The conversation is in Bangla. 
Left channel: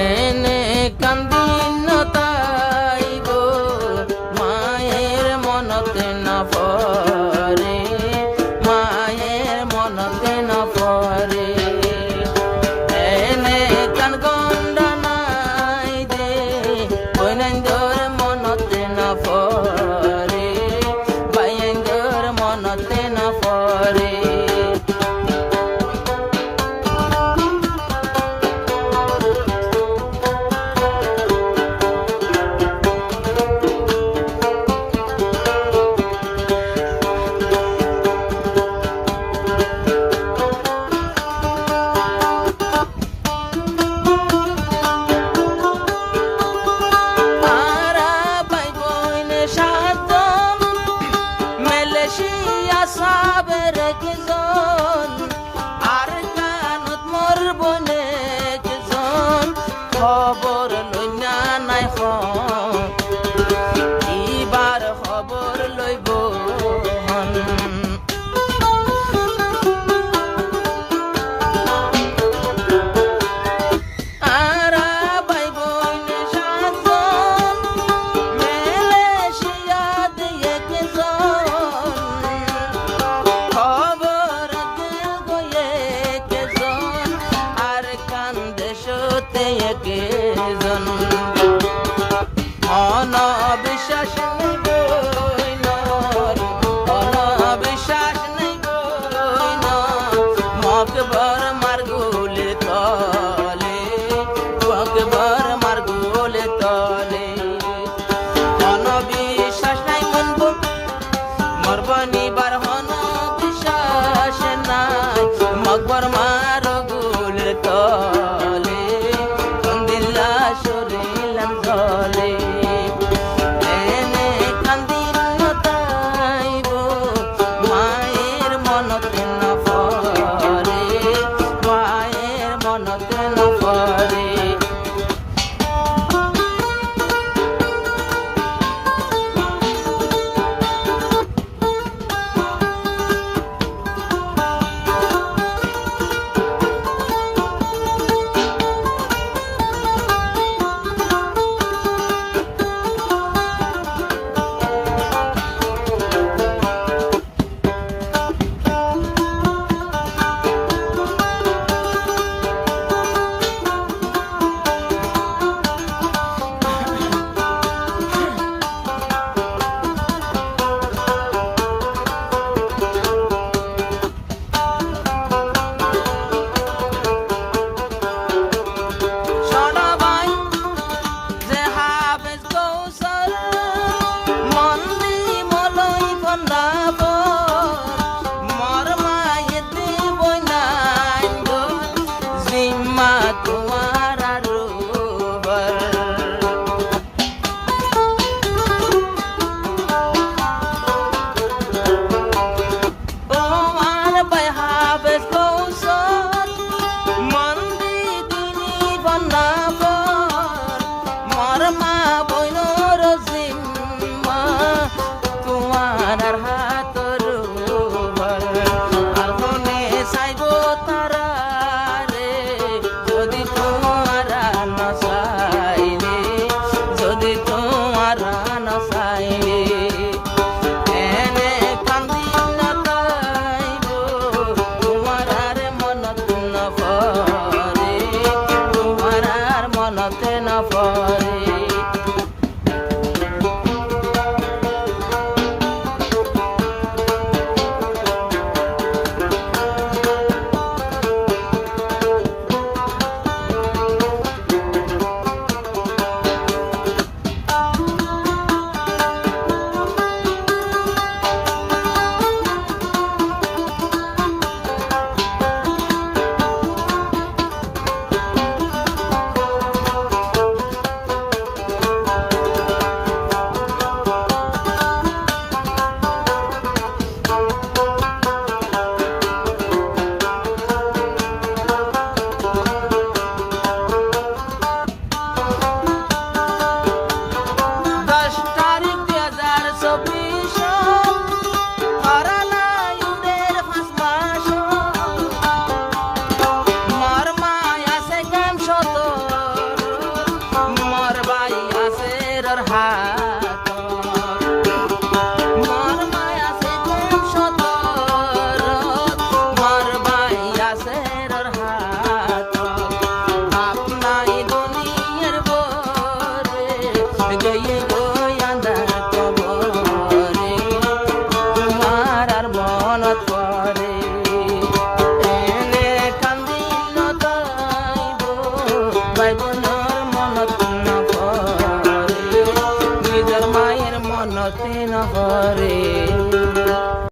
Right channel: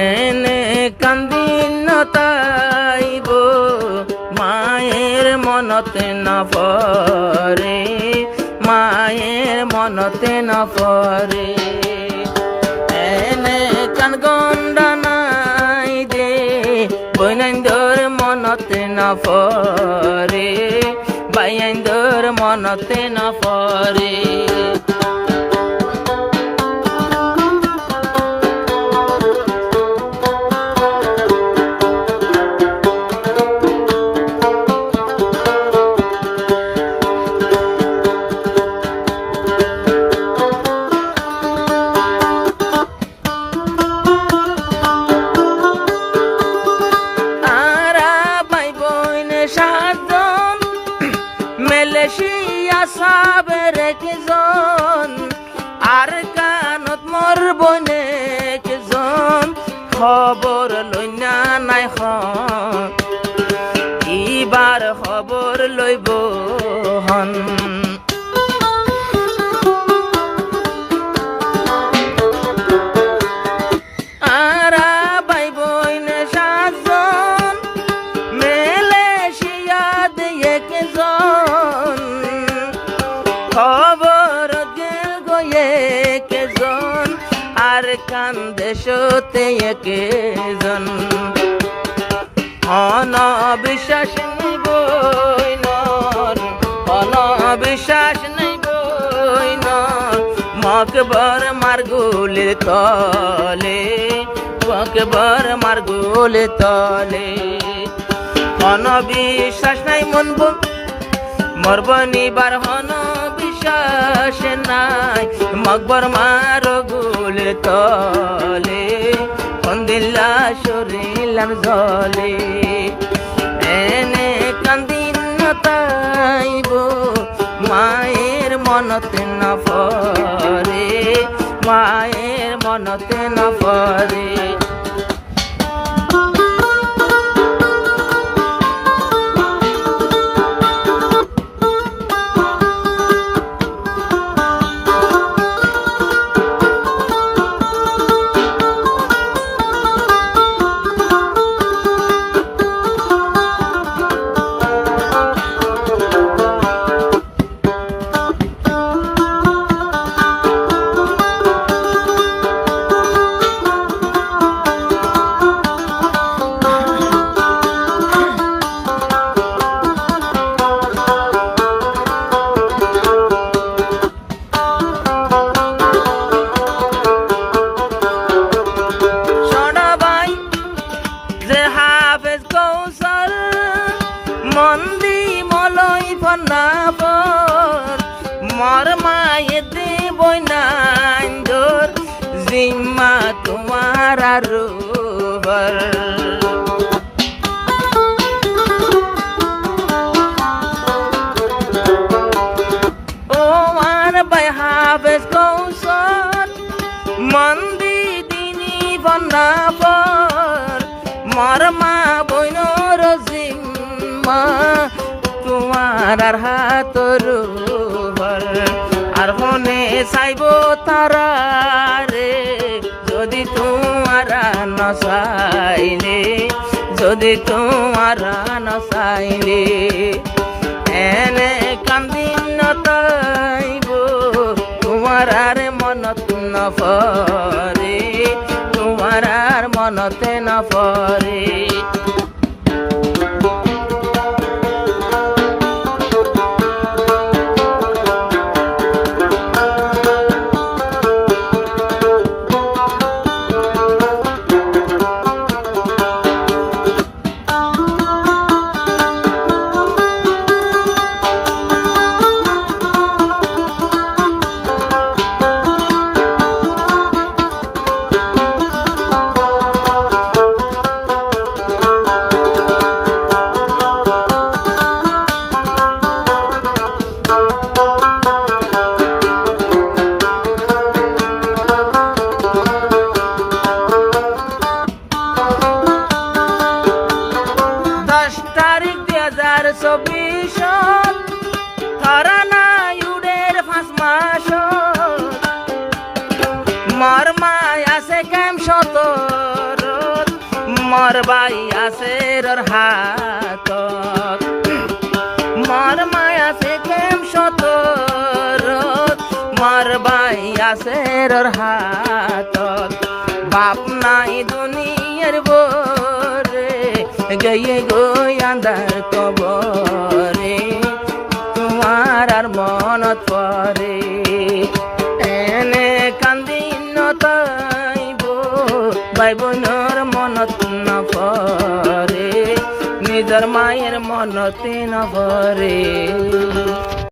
এনে কান্দিন তাইব মায়ের মনতে না পরে, মায়ের মনতে না পরে। এনে কান গন্ডা নাই দে বৈনন্দর মনতে না পরে, বাইন্দর মনতে না পরে। সাবের একজন আর কানত মোর বনে একজন খবর লইনা নাই ইবার খবর লইব হন। দেশতে একজন অনবিশ্বাস নেই বইনর, অনবিশ্বাস নেই বইনর মকবর মার্গুলের তলে, মকবর মার্গুলের তলে। অনবিশ্বাস নাই মনব মরব নিবার, হন বিশ্বাস নাই মকবর মারগুলের তলে, কন্দিল্লা শরীলাম জলে। এনে কান্দিন তাইব মায়ের মনতে না পরে, মায়ের মনতে না পরে। মন্দি মলই ফন্দাবর মর মায়ে দেবই নাইন্দর জিম্মা তোমার আরোবর। ও আর বাই হাফেজ কৌশল মন্দি দিনী ফন্দাবর মর মা বইনর জিম্মা তোমার আর হাতর ভর। আর মনে চাইব তারা রে যদি তোমার নচাইলে, যদি তোমার নচাইলে। এনে কান্দিন তাইব তোমার আর মনত না পরে, তোমার আর মনতে না পরে। সতর মর বাই আছে হাত মর মায়া সে কম সতর মর বাই আছে হাত বাপ নাই দুনিয়ার বরে গয়ে গো আন্ধার কবরে তোমার আর মনত পরে এনে কান্দিন তাইব ভাই বোনের মনত না পরে নিজের মায়ের মনতে না পরে